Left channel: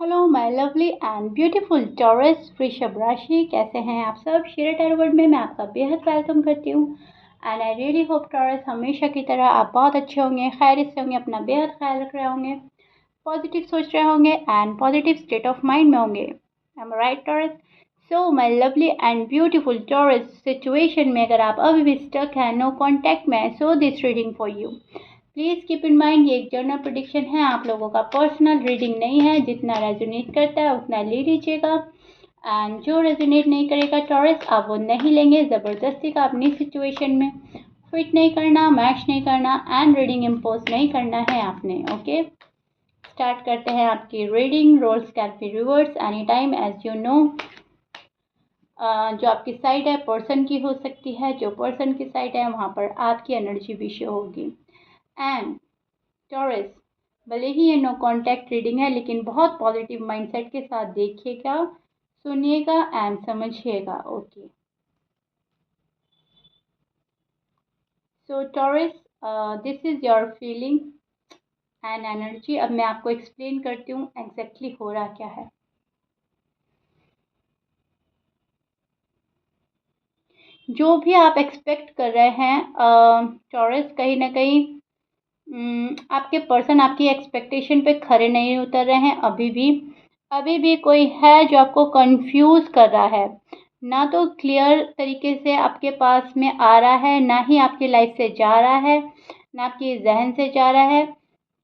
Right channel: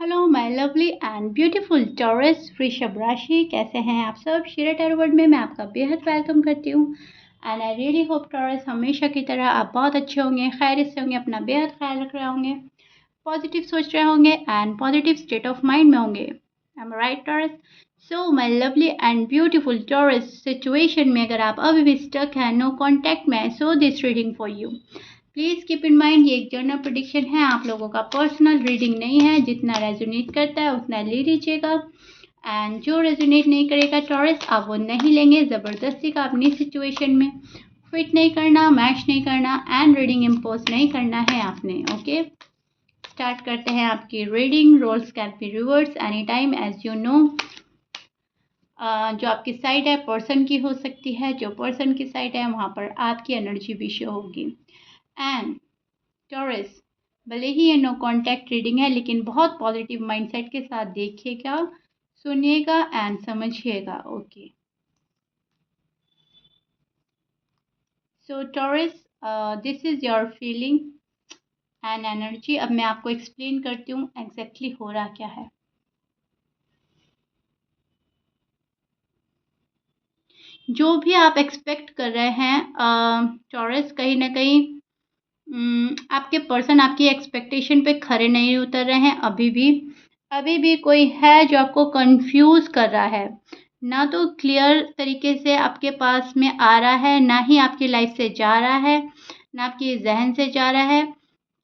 Hello my lovely and beautiful taurus वृषभ राशि, कैसे हैं आप सब। शेयर टैरो वर्ल्ड में मैं आपका बेहद वेलकम करती हूँ and I really hope taurus हमेशा की तरह आप बहुत अच्छे होंगे, खैरियत से होंगे, अपना बेहद ख्याल रख रहे होंगे, पॉजिटिव सोच रहे होंगे and positive state of mind में होंगे। I am right taurus. So my lovely and beautiful taurus, situation में अगर आप अभी भी स्टक हैं, नो कॉन्टैक्ट में, so this reading for you. Please keep in mind ये एक जनरल प्रेडिक्शन है, आप लोगों का पर्सनल रीडिंग नहीं है। जितना रेजोनेट करता है उतना ले लीजिएगा एंड जो रेजोनेट नहीं करेगा टॉरस, आप वो नहीं लेंगे। ज़बरदस्ती का अपनी सिचुएशन में फिट नहीं करना, मैच नहीं करना एंड रीडिंग इम्पोज नहीं करना है आपने। ओके, स्टार्ट करते हैं आपकी reading. Roles can be reverse any time as you know. जो आपकी साइड है पर्सन की हो सकती है, जो पर्सन की साइड है वहाँ पर आपकी एनर्जी भी शो होगी। एंड टॉरस, भले ही ये नो कॉन्टैक्ट रीडिंग है लेकिन बहुत पॉजिटिव माइंडसेट के साथ देखिएगा, सुनिएगा एंड समझिएगा। Okay, so taurus, this is your feeling and energy. अब मैं आपको एक्सप्लेन करती हूँ एग्जैक्टली हो रहा क्या है। जो भी आप एक्सपेक्ट कर रहे हैं टॉरस, कहीं ना कहीं आपके पर्सन आपकी एक्सपेक्टेशन पे खरे नहीं उतर रहे हैं। अभी भी कोई है जो आपको कंफ्यूज कर रहा है, ना तो क्लियर तरीके से आपके पास में आ रहा है, ना ही आपकी लाइफ से जा रहा है, ना आपके जहन से जा रहा है।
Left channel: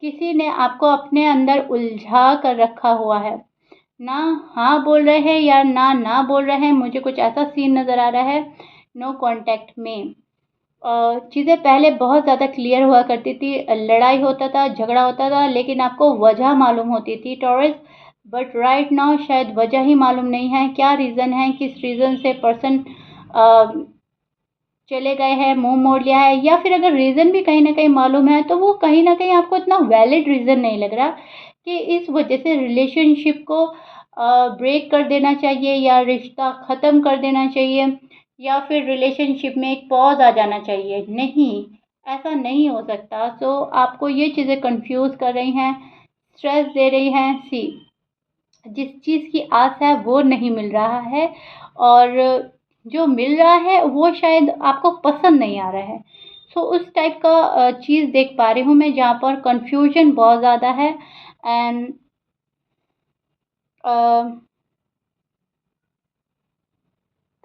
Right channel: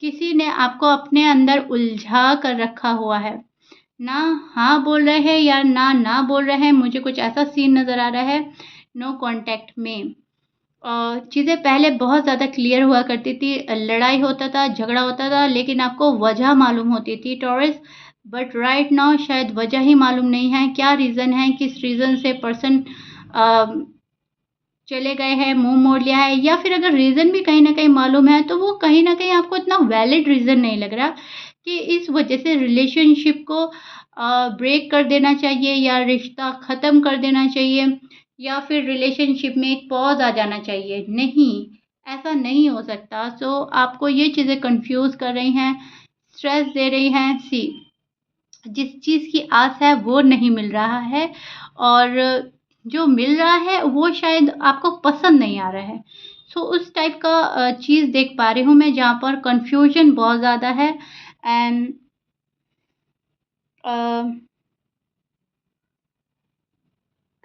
किसी ने आपको अपने अंदर उलझा कर रखा हुआ है, ना हाँ बोल रहे हैं या ना बोल रहे हैं। मुझे कुछ ऐसा सीन नज़र आ रहा है नो कांटेक्ट में। चीज़ें पहले बहुत ज़्यादा क्लियर हुआ करती थी, लड़ाई होता था, झगड़ा होता था, लेकिन आपको वजह मालूम होती थी टॉरस। बट राइट नाउ शायद वजह ही मालूम नहीं है, क्या रीज़न है, किस रीज़न से पर्सन चले गए हैं, मुंह मोड़ लिया है, या फिर अगर रीज़न भी कहीं ना कहीं मालूम है तो वो कहीं ना कहीं आपको इतना वैलिड रीज़न नहीं लग रहा कि इस वजह से रिलेशनशिप को ब्रेक कर देना चाहिए या रिश्ता ख़त्म कर देना चाहिए या फिर रिलेशनशिप में एक पॉज आ जाना चाहिए। नहीं, ऐसा नहीं हो सकता। सो आपको ये चीज़ें कंफ्यूज कर रही हैं, स्ट्रेस दे रही हैं। सी, जिस चीज़ की आस है वो नहीं मिल रहा है, और जो मिल रहा है वो शायद आपको पसंद नहीं आ रहा है। सो उस टाइप का चीज़ देख पा रही हूँ मैं, जहाँ पर कंफ्यूजन बहुत ज़्यादा है एंड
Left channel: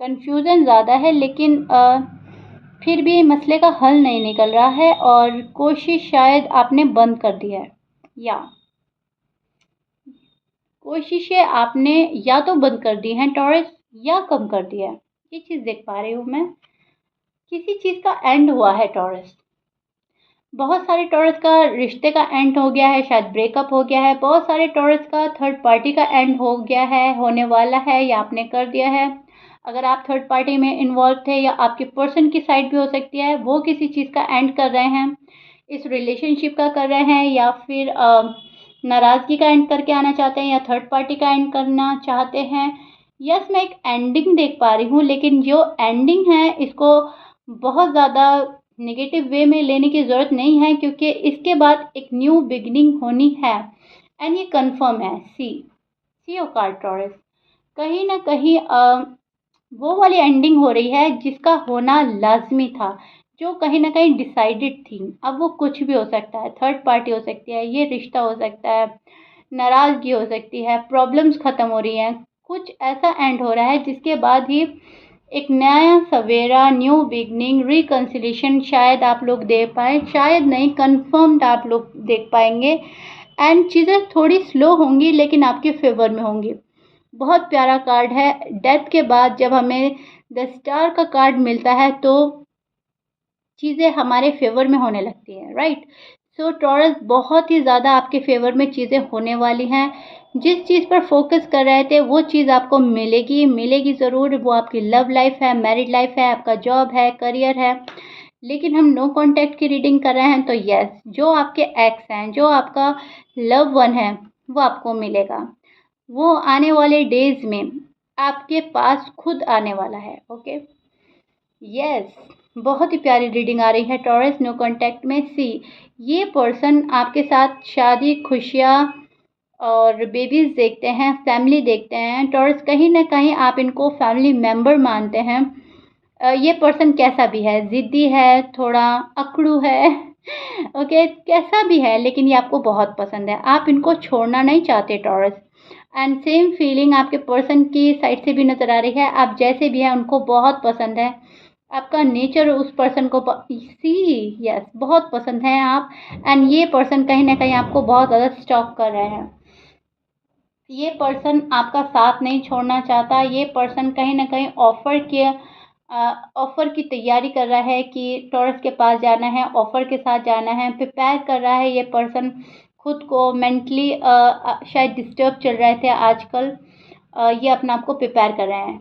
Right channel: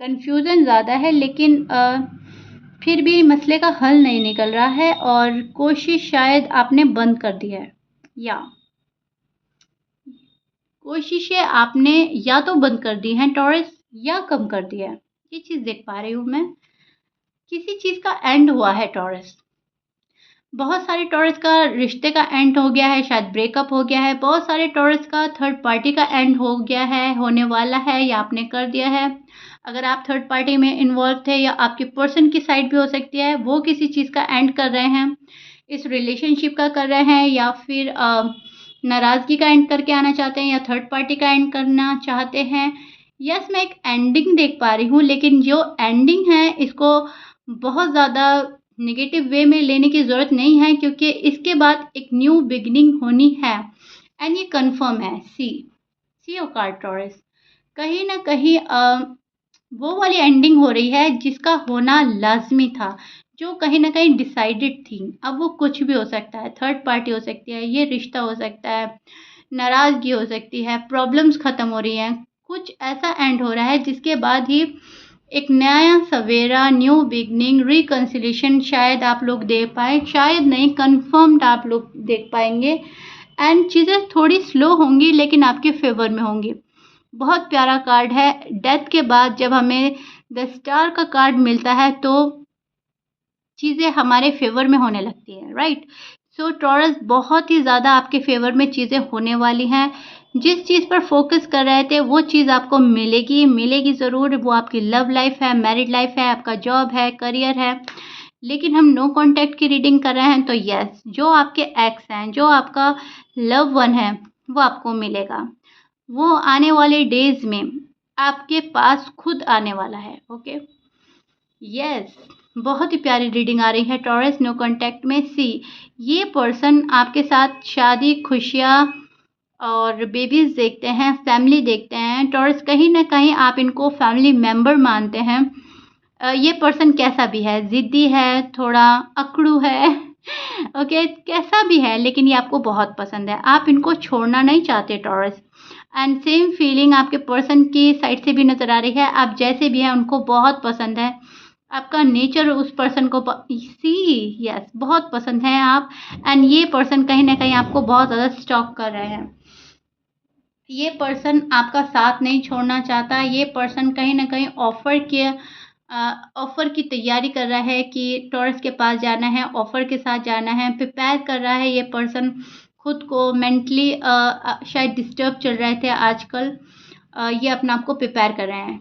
कंफ्यूजन ज़्यादा है, लेकिन फिर भी मसले का हल नहीं निकल रहा है और कोशिश शायद आपने बंद कर दी है, या कोशिशें आपने या तो बंद कर दी हैं टॉरस, या कम कर दिया है। ये चीज़ देख पा रही हूँ मैं, किसी चीज़ का एंड हुआ है टॉरस। बहुत सारे टॉरस का रिश्ते का एंड हो गया है, शायद ब्रेकअप हो गया है। बहुत सारे टॉरस का थर्ड पार्टी का एंड हो गया है, होने वाला है, या आपने कर दिया है। अगर आप थर्ड पार्टी में इन्वॉल्व थे, या आपके पर्सन की साइड भी हो सकती है, वो किसी चीज़ का एंड कर रहे हैं, इस रिलेशनशिप का कर रहे हैं, या फिर नाराज़गी का एंड करके आना चाहते हैं, या थर्ड पार्टी का एंड करना चाहते हैं। यस, मैं एक एंडिंग देख पा रही हूँ, लेकिन जो एंडिंग है इसको बहुत ज़्यादा नेगेटिव वे में लेने की ज़रूरत नहीं है, क्योंकि इसके बाद एक न्यू बिगिनिंग होनी है एंड ये कंफर्म है। सी ओ कार्ड टॉरस, कहीं ना कहीं वो वाली एंडिंग हो रही है जिसका होना लाजमी था, जो कहीं ना कहीं डिसाइडेड थी। अब वो कुछ भी हो सकता है, थर्ड पार्टी हो सकती है, ये रिश्ता हो सकता है, नाराज़गी हो सकती है, प्रॉब्लम्स ख़त्म हो रही हैं, कुछ ऐसा एंड हो रहा है जिसके बाद ही एक नया सवेरा, न्यू बिगनिंग, रिकन्सिलेशन शायद आप लोग दे पाए, शायद नहीं, कंफर्म्ड आप लोग देख पाएंगे। एंड चीज़ें थोड़ी स्लो होंगी लेकिन आपके फेवर में होंगी। बहुत प्यारा कार्ड है। डेथ के बाद जब हमें द स्टार का कार्ड मिलता है तो चीज़ें हमारे फेवर में होने लगती हैं, राइट। सो टॉरस, बहुत ही ज़्यादा आपके फेवर में चीज़ें होने वाली हैं। जिस चीज़ पर फोकस कर रहे थे वो चीज़ आपको मिलेगी, मिलेगी ज़रूर। वो आपकी लव लाइफ है, मैरिड लाइफ है, आपका जॉब है, करियर है। लेकिन हम नो कांटेक्ट की रीडिंग कर रहे हैं तो यस, जो आपके एक्स हैं, जो आपका लव वन है, वो आपको मिलेगा। वो आने वाले डेज में आपके पास खुद आने वाला है। ओके, यस, बहुत ही प्यारी रीडिंग आ रही है टॉरस नो कांटेक्ट में। सी, ये पर्सन आपके साथ शादी, खुशियाँ, और बेबीज़ देखते हैं, फैमिली देखते हैं। टॉरस कहीं न कहीं आप इनको फैमिली मेंबर मानते हैं। ये पर्सन कैसा भी है, ज़िद्दी है, थोड़ा अकड़ू है ओके, कैसा भी है लेकिन ये आपको बहुत पसंद है। आप इनको छोड़ना नहीं चाहते टॉरस। एंड सेम फीलिंग आपके पर्सन की साइड से भी नज़र आ रही है। आप जैसे भी हैं उनको बहुत पसंद है। आपका नेचर उस पर्सन को यस बहुत पसंद है आप। एंड ये पर्सन कहीं न कहीं आपको बहुत ज़्यादा स्टॉक कर रहे हैं। ये पर्सन आपका साथ नहीं छोड़ना चाहता। ये पर्सन कहीं न कहीं ऑफ़र की तैयारी कर रहा है कि टॉरस के पास जाना है, ऑफ़र के साथ जाना है, प्रिपेयर कर रहा है ये पर्सन खुद को मेंटली शायद डिस्टर्ब चल रहे थे आजकल। ये अपने आप को प्रिपेयर कर रहे हैं।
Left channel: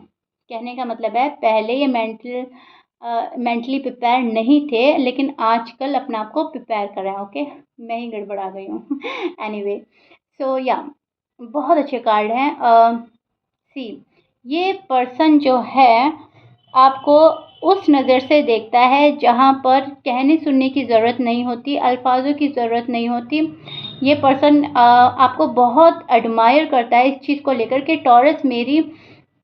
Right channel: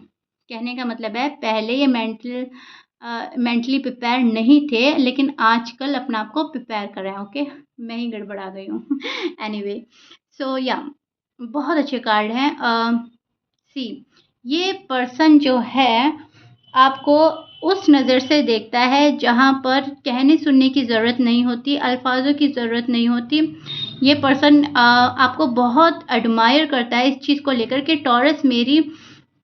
कहने का मतलब है पहले ये मेंटली प्रिपेयर नहीं थे लेकिन आजकल अपने आप को प्रिपेयर कर रहे हैं, ओके? मैं ही गड़बड़ा गई हूँ। एनीवे सो या बहुत अच्छे कार्ड हैं। सी ये पर्सन जो है आपको उस नज़र से देखता है जहाँ पर कहने सुनने की ज़रूरत नहीं होती, अल्फाज़ों की ज़रूरत नहीं होती। ये पर्सन आपको बहुत एडमायर करता है इस चीज़ को लेकर के टॉरस मेरी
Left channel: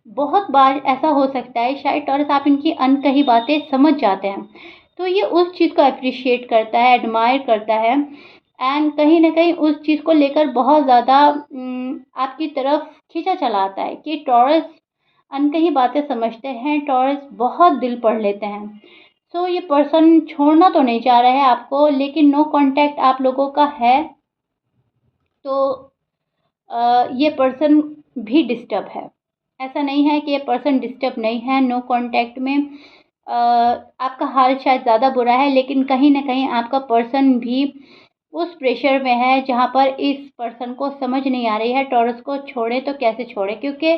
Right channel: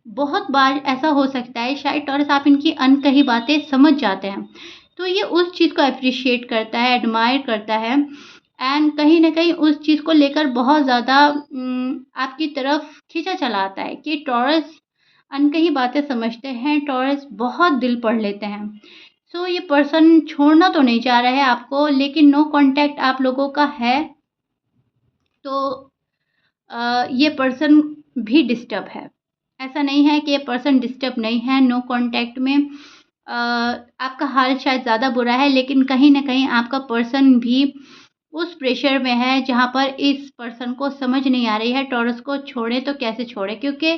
बहुत बार ऐसा हो सकता है शायद टॉरस आप इनकी अनकही बातें समझ जाते हैं। तो ये उस चीज़ को एप्रिशिएट करता है, एडमायर करता है एंड कहीं न कहीं उस चीज़ को लेकर बहुत ज़्यादा आपकी तरफ खींचा चला आता है कि टॉरस अनकही बातें समझते हैं, टॉरस बहुत दिल पढ़ लेते हैं। सो ये पर्सन छोड़ना तो नहीं चाह रहा है आपको लेकिन नो कॉन्टैक्ट आप लोगों का है, तो ये पर्सन भी डिस्टर्ब है। ऐसा नहीं है कि ये पर्सन डिस्टर्ब नहीं है, नो कॉन्टैक्ट में आपका हाल शायद ज़्यादा बुरा है लेकिन कहीं न कहीं आपका पर्सन भी उस प्रेशर में है जहाँ पर इस पर्सन को समझ नहीं आ रही है टॉरस को छोड़े तो कैसे छोड़े, क्योंकि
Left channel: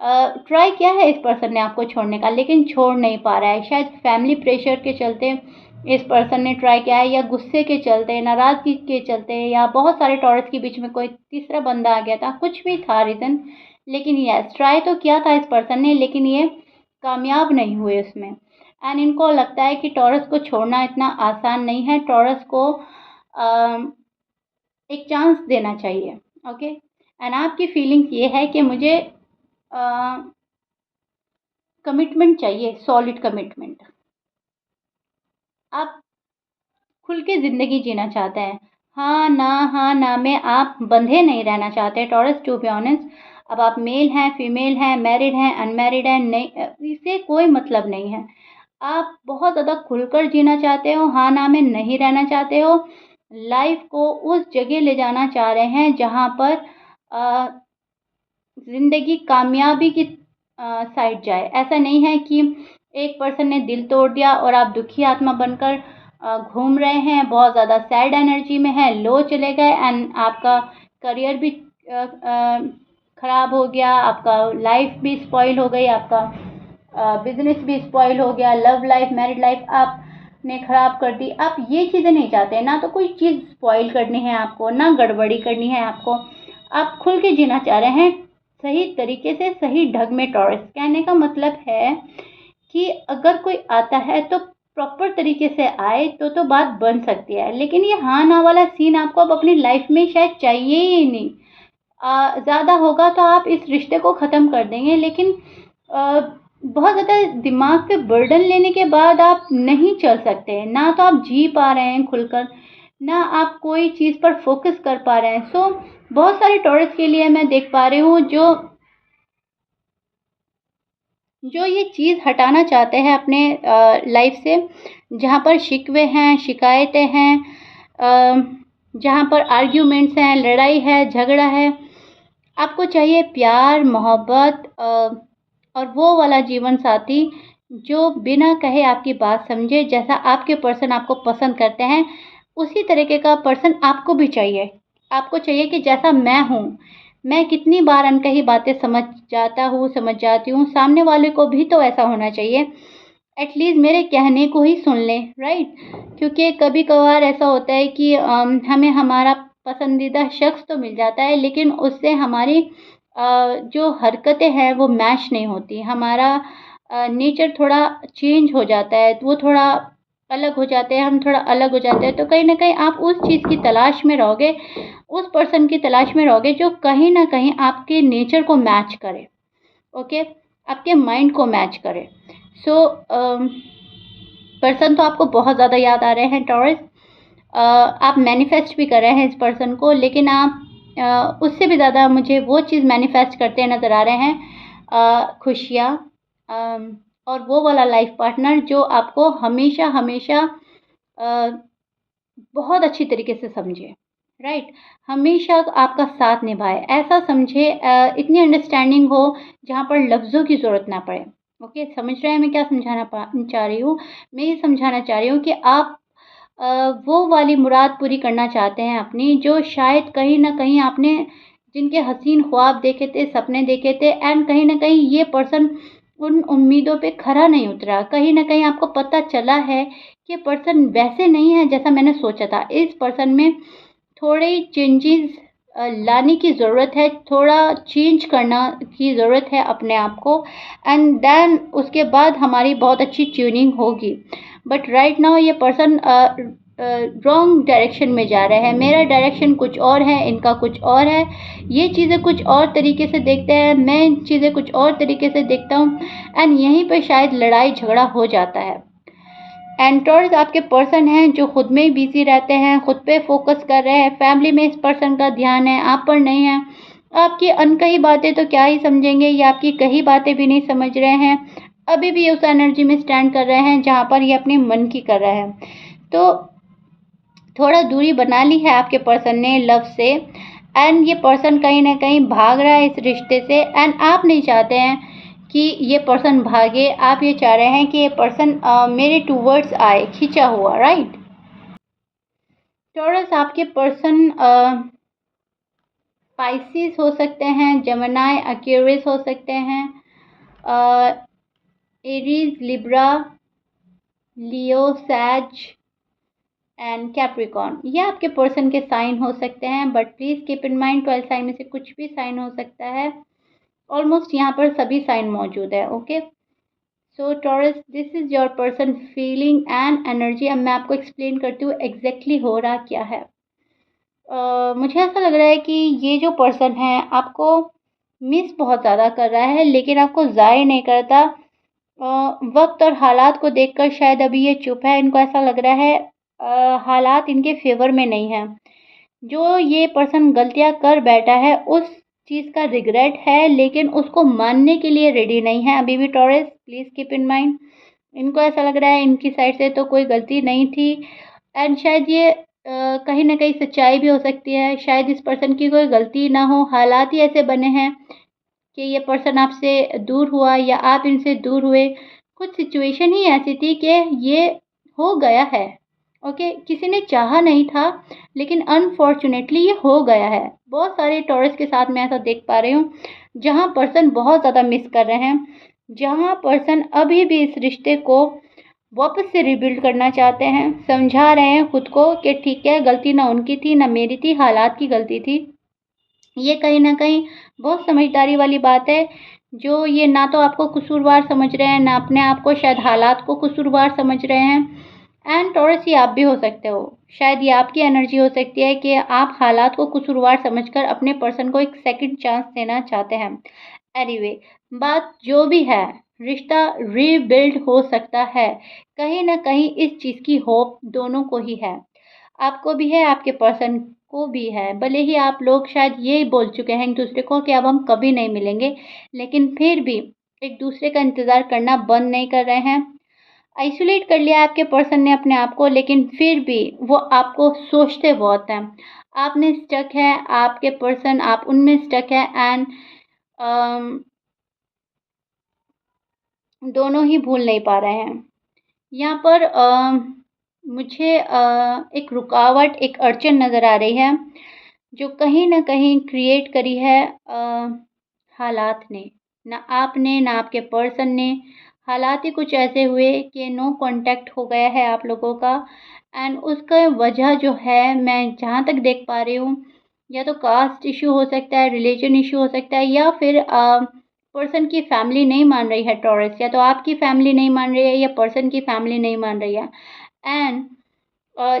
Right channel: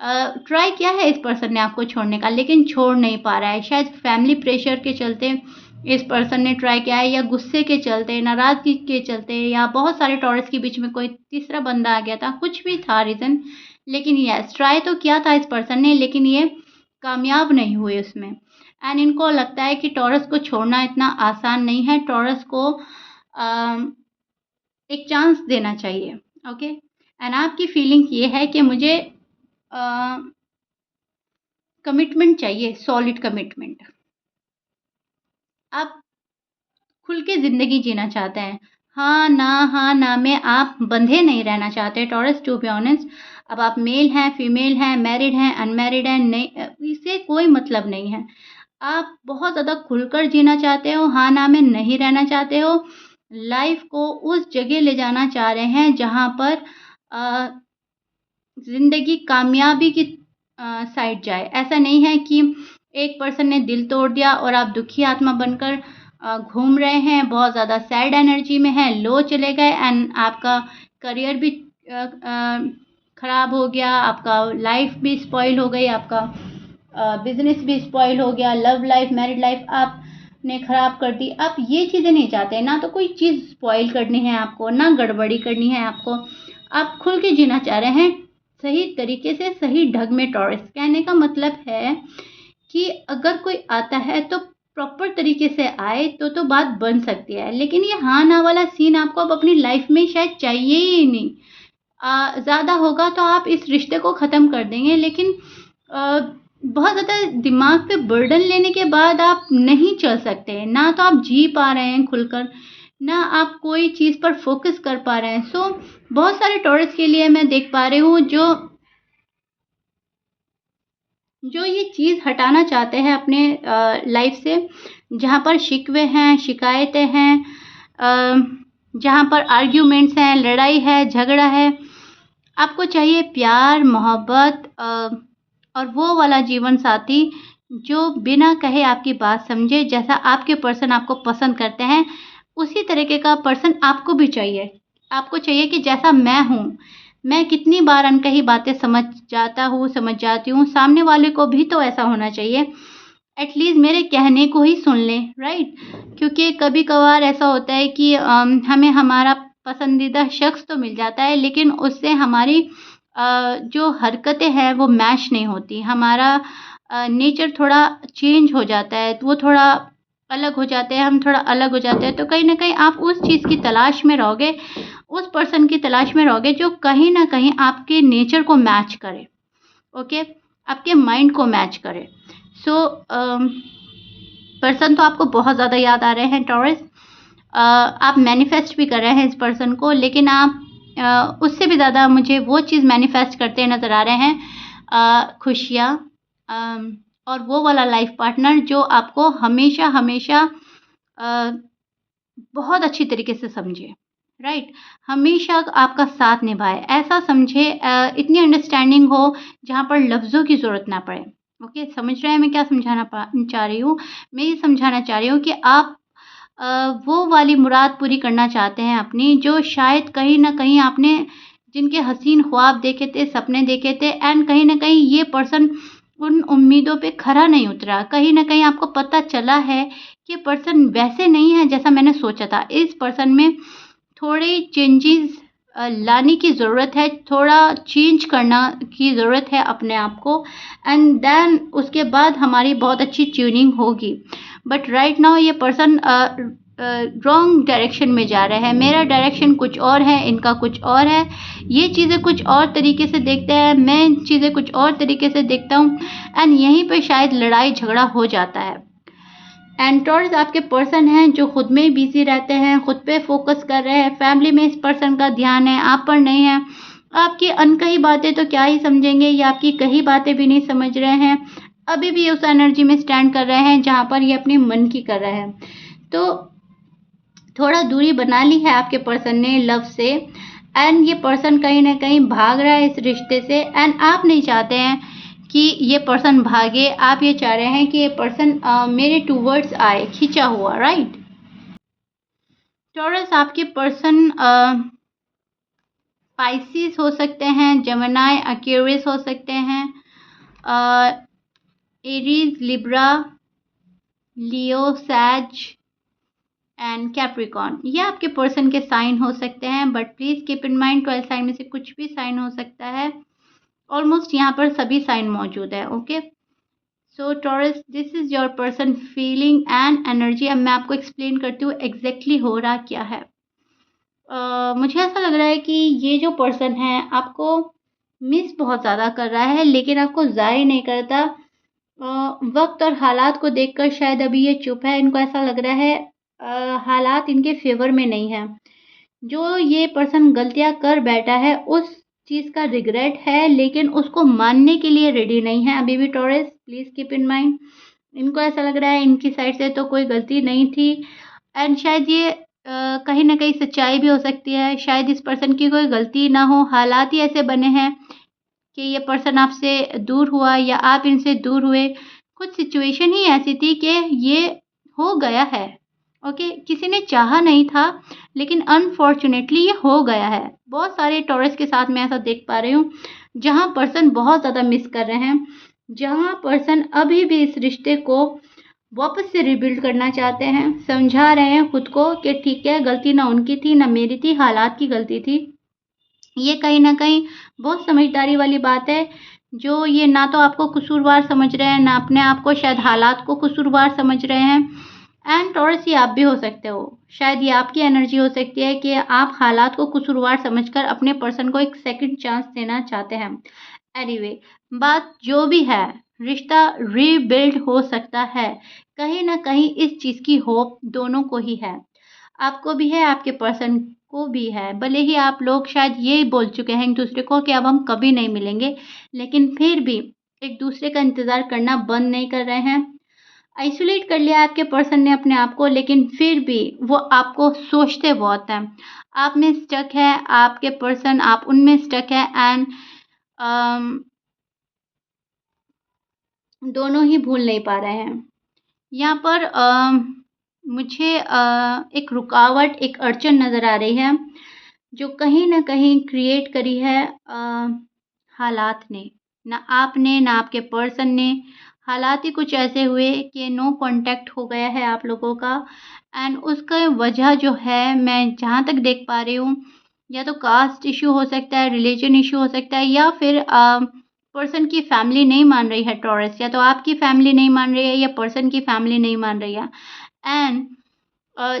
ट्राई किया है इस पर्सन ने आपको छोड़ने का लेकिन छोड़ नहीं पा रहा है। शायद फैमिली प्रेशर के चलते इस पर्सन ने ट्राई किया है या गुस्से के चलते, नाराज़गी के चलते या बहुत सारे टॉरस के बीच में कोई तीसरा बंदा आ गया था, कुछ भी था रीज़न। लेकिन यस ट्राई तो किया था इस पर्सन ने लेकिन ये कामयाब नहीं हुए उसमें। एंड इनको लगता है कि टॉरस को छोड़ना इतना आसान नहीं है, टॉरस को एक चांस देना चाहिए, ओके? एंड आपकी फीलिंग ये है कि मुझे कमिटमेंट चाहिए, सॉलिड कमिटमेंट। आप खुल के ज़िंदगी जीना चाहते हैं। हाँ, ना में आप बंधे नहीं रहना चाहते टॉरस टू बी ऑनेस्ट। अब आप मेल हैं, फीमेल हैं, मैरिड हैं, अनमैरिड हैं, नहीं इससे कोई मतलब नहीं है। आप बहुत ज़्यादा खुलकर जीना चाहते हो, हाँ, ना में नहीं रहना चाहते हो। लाइफ़ को उस जगह ले जाना चाह रहे हैं जहाँ पर ज़िंदगी कामयाबी की साइड जाए। ऐसा नहीं है कि एक पर्सन ने दिल तोड़ दिया और आप दुखी आत्मा बनकर घूम रहे हैं, बहुत ज़्यादा सैड एनर्जी में हैं, लो चले गए एंड आपका करियर भी ख़राब हो गया, आपका लाइफ भी स्पॉइल हो गई, आपका बिज़नेस भी स्पॉइल हो गया, लव लाइफ, मैरिड लाइफ आपने ख़राब कर दी। आप ये चीज़ें नहीं चाहते, ना तो कोई चीज़ स्पॉइल करनी है आपको, ना गड़बड़ी करनी है आपको। आप खुल के जीना चाह रहे हैं, सही तरीके से, सही ढंग में टॉरस। कहने का मतलब है कि अगर कोई आता है तो प्रॉपर तरीके से आए तो बात बन सकती है, लेकिन ये हाँ ना वाला सीन आपको अब अपनी लाइफ में शायद चाहिए ही नहीं। ज़्यादा होगा तो आप इस रिश्ते को ख़त्म कर देंगे लेकिन बहुत ज़्यादा दिमाग पे बर्डन लेने के बाद आप नहीं चल सकते, ना तो आप जी पा रहे हैं खुलकर, ना आप कोई चीज़ पर फोकस कर पा रहे हैं। सो बहुत सारे टॉरस के लिए मैं देख पा रही हूँ जो ये चीज़ हटाना चाहते हैं अपने लाइफ से, जहाँ पर शिकवे हैं, शिकायतें हैं, जहाँ पर आर्ग्यूमेंट्स हैं, लड़ाई है, झगड़ा है। आपको चाहिए प्यार, मोहब्बत और वो वाला जीवन साथी जो बिना कहे आपकी बात समझे। जैसा आपके पर्सन आपको पसंद करते हैं, उसी तरीके का पर्सन आपको भी चाहिए। आपको चाहिए कि जैसा मैं हूँ, मैं कितनी बार अनकही बातें समझ जाता हूँ, समझ जाती हूँ, सामने वाले को भी तो ऐसा होना चाहिए। एटलीस्ट मेरे कहने को ही सुन लें, राइट? क्योंकि कभी-कभार ऐसा होता है कि हमें हमारा पसंदीदा शख्स तो मिल जाता है लेकिन उससे हमारी जो हरकतें हैं वो मैच नहीं होती। हमारा नेचर थोड़ा चेंज हो जाता है, वो थोड़ा अलग हो जाते हैं, हम थोड़ा अलग हो जाते हैं, तो कहीं न कहीं आप उस चीज़ की तलाश में रहोगे, उस पर्सन की तलाश में रहोगे जो कहीं न कहीं आपके नेचर को मैच करे, ओके? आपके माइंड को मैच करे। सो पर्सन तो आपको बहुत ज़्यादा याद आ रहे हैं टॉरस। आप मैनिफेस्ट भी कर रहे हैं इस पर्सन को, लेकिन आप उससे भी ज़्यादा मुझे वो चीज़ मैनिफेस्ट करते नज़र आ रहे हैं, खुशियाँ, अम, और वो वाला लाइफ पार्टनर जो आपको हमेशा हमेशा अ, बहुत अच्छी तरीके से समझे, राइट? हमेशा आपका साथ निभाए, ऐसा समझे, इतनी अंडरस्टैंडिंग हो जहाँ पर लफ्ज़ों की ज़रूरत ना पड़े। ओके, समझ रहे हैं मैं क्या समझाना चाह रही हूँ? मैं ये समझाना चाह रही हूँ कि आप अ, वो वाली मुराद पूरी करना चाहते हैं अपनी, जो शायद कहीं न कहीं आपने जिनके हसीन ख्वाब देखे थे, सपने देखे थे, एंड कहीं न कहीं ये पर्सन उन उम्मीदों पे खरा नहीं उतरा। कहीं न कहीं आपको पता चला है कि पर्सन वैसे नहीं है जैसा मैंने सोचा था। इस पर्सन में थोड़े चेंजेज़ लाने की ज़रूरत है, थोड़ा चेंज करना की ज़रूरत है अपने आप को, एंड देन उसके बाद हमारी बहुत अच्छी ट्यूनिंग होगी। बट राइट नाउ ये पर्सन रॉन्ग डायरेक्शन में जा रहा है। मेरा डायरेक्शन कुछ और है, इनका कुछ और है। ये चीज़ें कुछ और तरीके से देखते हैं, मैं चीज़ें कुछ और तरीके से देखता हूँ, एंड यहीं पे शायद लड़ाई झगड़ा हो जाता है। एंटर्स आपके पर्सन हैं जो खुद में ही बिजी रहते हैं, खुद पे फोकस कर रहे हैं, फैमिली में इस पर्सन का ध्यान है, आप पर नहीं है। आपकी अनकही बातें तो क्या ही समझेंगे, या आपकी कही बातें भी नहीं समझ रहे हैं। अभी भी उस एनर्जी में स्टैंड कर रहे हैं जहाँ पर ये अपने मन की कर रहे हैं। तो थोड़ा दूरी बना ली है आपके पर्सन ने लव से, एंड ये पर्सन कहीं ना कहीं भाग रहा है इस रिश्ते से, एंड आप नहीं चाहते हैं कि ये पर्सन भागे। आप ये चाह रहे हैं कि ये पर्सन मेरे टूवर्ड्स आए, खींचा हुआ, राइट? टॉरस आपके पर्सन स्पाइसीज हो सकते हैं, जेमिनी, एक्वेरियस हो सकते हैं, एरीज, लिब्रा, लियो, सैज एंड कैप्रिकॉर्न। ये आपके पर्सन के साइन हो सकते हैं, but please keep in mind 12 sign में से कुछ भी साइन हो सकता है। ऑलमोस्ट यहाँ पर सभी साइन मौजूद है, okay? So taurus, this is your person feeling and energy. अब मैं आपको एक्सप्लेन करती हूँ एग्जैक्टली हो रहा क्या है। मुझे ऐसा लग रहा है कि ये जो पर्सन है आपको मिस बहुत ज़्यादा कर रहा है, लेकिन आपको ज़ाहिर नहीं करता। वक्त और हालात को देखकर शायद अभी ये चुप है। इनको ऐसा लग रहा है हालात इनके फेवर में नहीं है। जो ये पर्सन गलतियाँ कर बैठा है उस चीज़ का रिग्रेट है, लेकिन उसको मानने के लिए रेडी नहीं है अभी भी। Taurus, please keep in mind, इनको ऐसा लग रहा है इनकी साइड से तो कोई गलती नहीं थी, एंड शायद ये कहीं न कहीं सच्चाई भी हो सकती है। शायद इस पर्सन की कोई गलती ना हो, हालात ही ऐसे बने हैं कि ये पर्सन आपसे दूर हुआ या आप इनसे दूर हुए। कुछ सिचुएशन ही ऐसी थी कि ये हो गया है, ओके? किसी ने चाहा नहीं था, लेकिन अनफॉर्च्यूनेटली ये हो गया है। बहुत सारे टॉरस के साथ मैं ऐसा देख पा रही हूँ, जहाँ पर्सन बहुत ज़्यादा मिस कर रहे हैं, जहाँ पर्सन अभी भी इस रिश्ते को वापस से रिबिल्ड करना चाहते हैं, समझा रहे हैं खुद को कि ठीक है, गलती ना उनकी थी, ना मेरी थी, हालात की गलती थी। ये कहीं न कहीं बहुत समझदारी वाली बात है, जो ये ना तो आपको कसूरवार समझ रहे हैं, ना अपने आप को, शायद हालात को कसूरवार समझ रहे हैं। एंड टॉरस, ये आप भी हो सकते हो। शायद ये आपकी एनर्जी हो सकती है कि आप हालात को कसूरवार समझकर अपने पर्सन को एक सेकंड चांस देना चाहते हैं। एनीवे, बात जो भी है, रिश्ता रीबिल्ड हो सकता है। कहीं न कहीं इस चीज़ की होप दोनों को ही है। आपको भी है, आपके पर्सन को भी है। भले ही आप लोग शायद ये बोल चुके हैं एक-दूसरे को कि अब हम कभी नहीं मिलेंगे, लेकिन फिर भी एक-दूसरे का इंतज़ार करना बंद नहीं कर रहे हैं। आइसोलेट कर लिया है आपके पर्सन ने अपने आप को, लेकिन फिर भी वो आपको सोचते बहुत हैं। आप में स्टक है, आपके पर्सन आप उनमें स्टक है, एंड अम, दोनों ही भूल नहीं पा रहे हैं। यहाँ पर मुझे एक रुकावट, एक अड़चन नज़र आ रही है, जो कहीं न कहीं क्रिएट करी है हालात ने। ना आपने, ना आपके पर्सन ने। हालात ही कुछ ऐसे हुए कि नो कॉन्टैक्ट हो गया है आप लोगों का, एंड उसका वजह जो है, मैं जहाँ तक देख पा रही हूँ, या तो कास्ट इश्यू हो सकता है, रिलीजन इश्यू हो सकता है, या फिर पर्सन की फैमिली नहीं मान रही है टॉरस, या तो आपकी फैमिली नहीं मान रही है या पर्सन की फैमिली नहीं मान रही है। एंड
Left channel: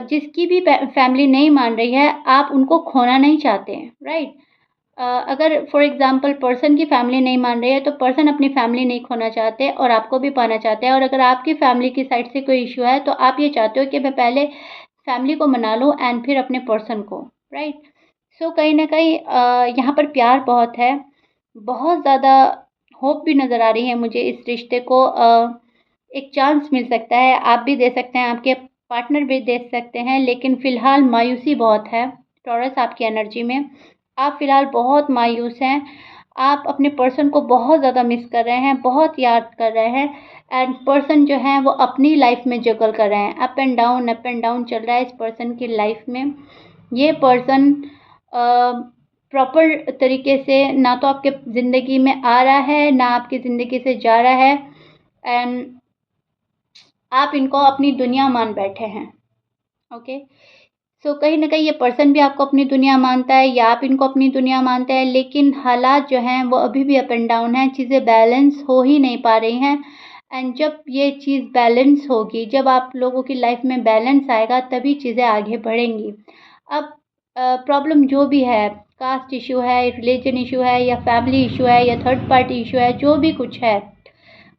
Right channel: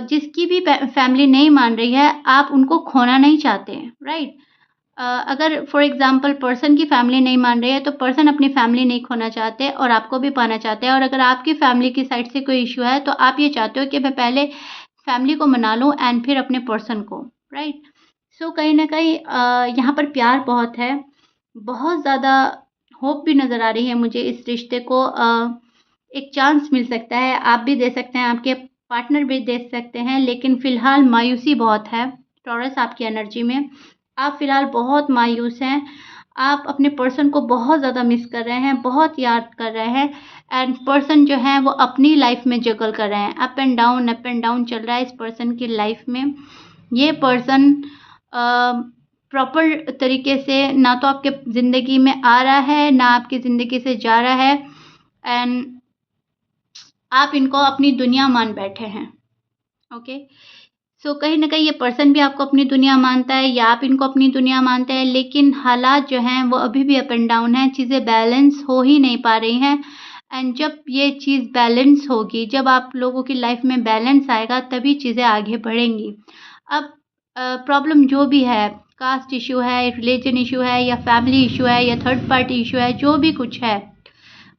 जिसकी भी फैमिली नहीं मान रही है, आप उनको खोना नहीं चाहते हैं, राइट? अगर फॉर एग्जांपल पर्सन की फैमिली नहीं मान रही है, तो पर्सन अपनी फैमिली नहीं खोना चाहते और आपको भी पाना चाहते हैं। और अगर आपकी फैमिली की साइड से कोई इश्यू है, तो आप ये चाहते हो कि मैं पहले फैमिली को मना लूँ एंड फिर अपने पर्सन को, राइट? सो कहीं न कहीं यहाँ पर प्यार बहुत है, बहुत ज़्यादा होप भी नज़र आ रही है मुझे इस रिश्ते को एक चांस मिल सकता है, आप भी दे सकते हैं, आपके पार्टनर भी दे सकते हैं, लेकिन फ़िलहाल मायूसी बहुत है टॉरस आपकी एनर्जी में। आप फ़िलहाल बहुत मायूस हैं, आप अपने पर्सन को बहुत ज़्यादा मिस कर रहे हैं, बहुत याद कर रहे हैं एंड पर्सन जो हैं वो अपनी लाइफ़ में जगल कर रहे हैं। अप एंड डाउन चल रहा है इस पर्सन की लाइफ़ में। ये पर्सन प्रॉपर तरीके से ना तो आपके ज़िंदगी में आ रहा है, ना आपकी ज़िंदगी से जा रहा है एंड आप इनको अपनी दुनिया मान बैठे हैं, ओके? सो कहीं न कहीं ये पर्सन भी आपको अपनी दुनिया मानता है या आप इनको अपनी दुनिया मानते हैं, लेकिन हालात जो हैं वो अभी भी अप एंड डाउन हैं, चीज़ें बैलेंस हो ही नहीं पा रही हैं एंड जब ये चीज़ बैलेंस होगी, जब आप लोगों की लाइफ़ में बैलेंस आएगा, तभी चीज़ें आगे बढ़ेंगी। अब प्रॉब्लम जो भी है, कास्ट इश्यू है, रिलीजन इश्यू है या फैमिली इश्यू है या थर्ड पार्टी इश्यू है, जो भी कुछ है,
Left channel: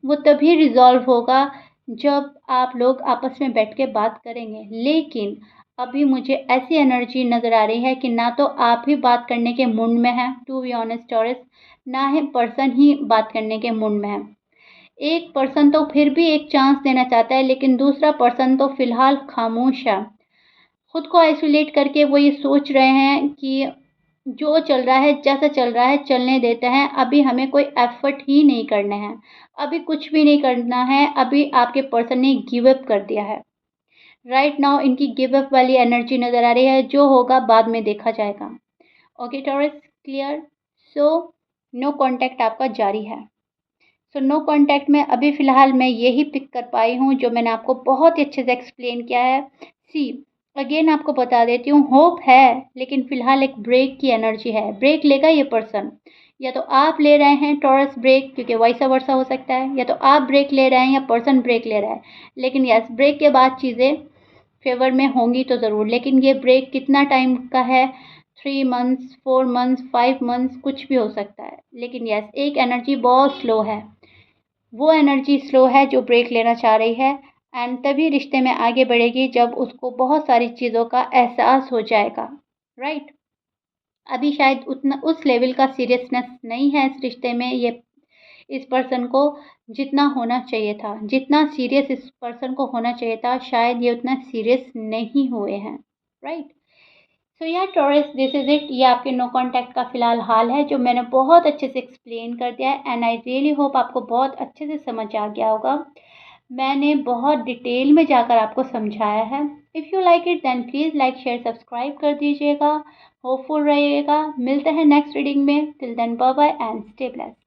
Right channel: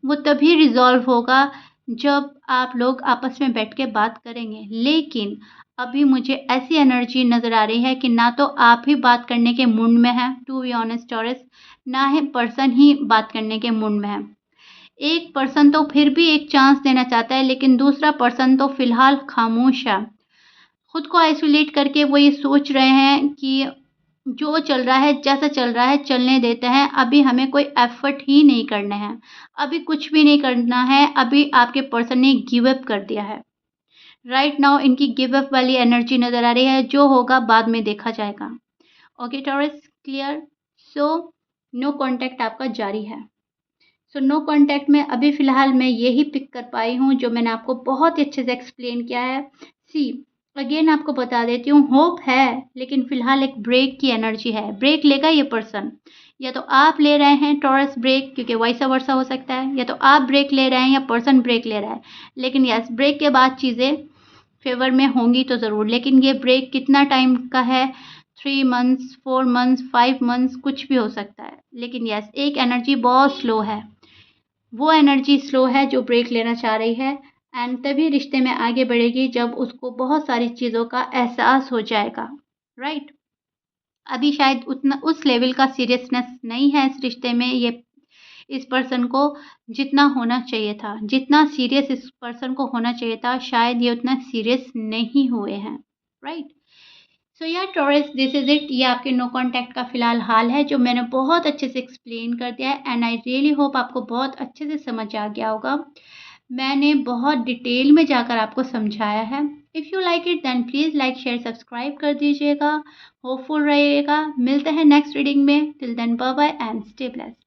वो तभी रिज़ॉल्व होगा जब आप लोग आपस में बैठ के बात करेंगे। लेकिन अभी मुझे ऐसी एनर्जी नज़र आ रही है कि ना तो आप ही बात करने के मूड में हैं, टू बी ऑनेस्ट टॉरस, ना ही पर्सन ही बात करने के मूड में है। एक पर्सन तो फिर भी एक चांस देना चाहता है, लेकिन दूसरा पर्सन तो फ़िलहाल खामोश है। खुद को आइसोलेट करके वो ये सोच रहे हैं कि जो चल रहा है, जैसा चल रहा है, चलने देते हैं। अभी हमें कोई एफ़र्ट ही नहीं करने हैं। अभी कुछ भी नहीं करना है। अभी आपके पर्सन ने गिव अप कर दिया है। राइट नाउ इनकी गिव अप वाली एनर्जी नज़र आ रही है। जो होगा बाद में देखा जाएगा। Okay Taurus, clear? So no contact आपका जारी है। सो नो कॉन्टैक्ट में अभी फ़िलहाल मैं यही पिक कर पाई हूँ जो मैंने आपको बहुत ही अच्छे से एक्सप्लेन किया है। सी अगेन आपको बता देती हूँ, होप है, लेकिन फ़िलहाल एक ब्रेक की एनर्जी है। ब्रेक लेगा ये पर्सन, या तो आप ले रहे हैं टॉरस ब्रेक, क्योंकि वाइस वर्सा हो सकता है, या तो आप ब्रेक ले रहे हैं या पर्सन ब्रेक ले रहा है। लेकिन यस, ब्रेक के बाद चीज़ें फेवर में होंगी तो ज़रूर, लेकिन ये ब्रेक कितना टाइम का है? 3 मंथ्स, 4 मंथ्स, 5 मंथ्स, कुछ भी हो सकता है। लेकिन यस, एक एनर्जी बहुत स्लो है। वो एनर्जी स्लो है जो ब्रेक लेना चाह रही है एंड तभी रिश्ते में आगे बढ़ेगी जब उसको बहुत सारी चीज़ों का एहसास हो जाएगा, राइट? अभी शायद उतना उस लेवल का सीरियसनेस नहीं है इस रिश्ते में, ये इस पर्सन को जितना होना चाहिए था, जितना सीरियस इस पर्सन को होना चाहिए था, शायद ये उतना सीरियस नहीं हुए हैं, राइट? सो या टॉरस, दिस इज़ इट। ये आपके नो कॉन्टैक्ट का फ़िलहाल हाल है जो मैंने बहुत अच्छे से एक्सप्लेन कर दिया है एंड आई रियली होप आपको बहुत अच्छे से समझ आ गया होगा। मैंने बहुत डिटेल में जाकर आपको समझाया है। If you like it then please like share subscribe कर दीजिएगा। होपफुल रहिएगा। मिलते हैं नेक्स्ट रीडिंग में। Till then bye bye and stay blessed.